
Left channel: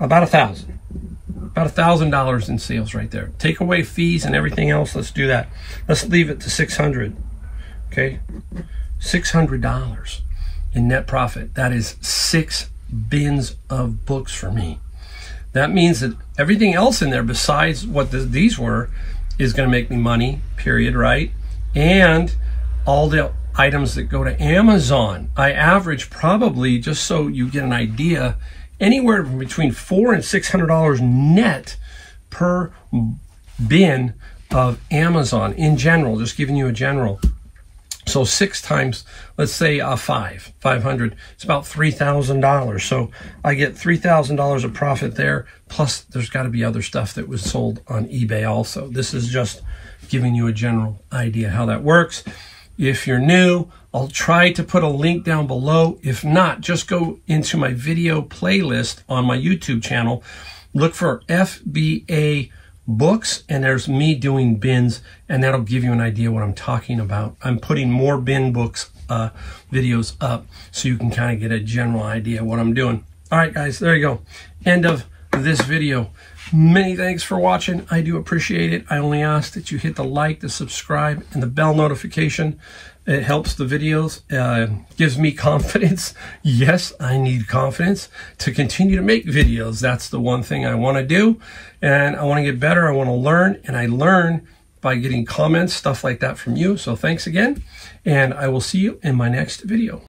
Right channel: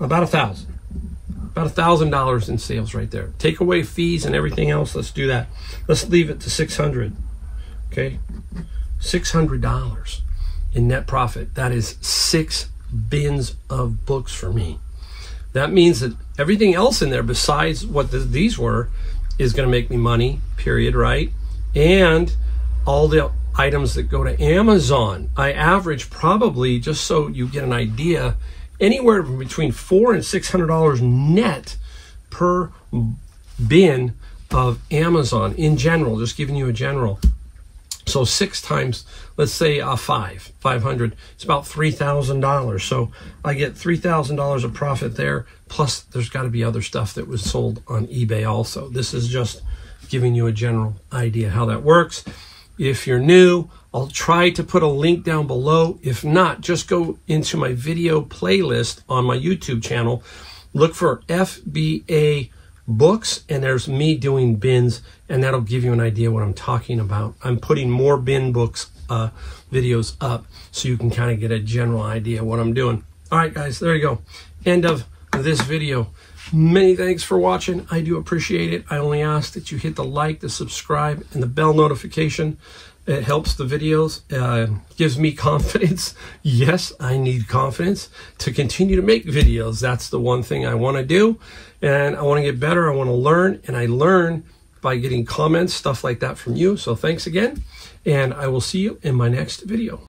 About $1,000 in sales right there. Take away fees and everything else. Let's do that. Let's leave it to 600. Okay, $600 in net profit. That is 6 bins of books for me. That means that everything else in there besides what these were is going to make me money, period, right? And all the items that go to Amazon, I average probably, just so you get an idea, anywhere from between $400 and $600 net per bin of Amazon in general, just giving you a general. So 6 times, let's say 500, it's about $3,000. So I get $3,000 of profit there, plus there's got to be other stuff that was sold on eBay also. This is just giving you a general idea how that works. If you're new, I'll try to put a link down below. If not, just go into my video playlist on my YouTube channel, look for FBA books, and there's me doing bins, and that'll give you an idea what I'm talking about. I'm putting more bin books videos up so you can kind of get a general idea what I'm doing. All right, guys, there you go. End of this video. Many thanks for watching. I do appreciate it. I only ask that you hit the like, the subscribe, and the bell notification. It helps the videos, gives me confidence. Yes, I need confidence to continue to make videos. That's the one thing I want to do. And I want to get better. I want to learn. And I learn by getting comments, stuff like that from you. So thanks again. And I will see you in my next video.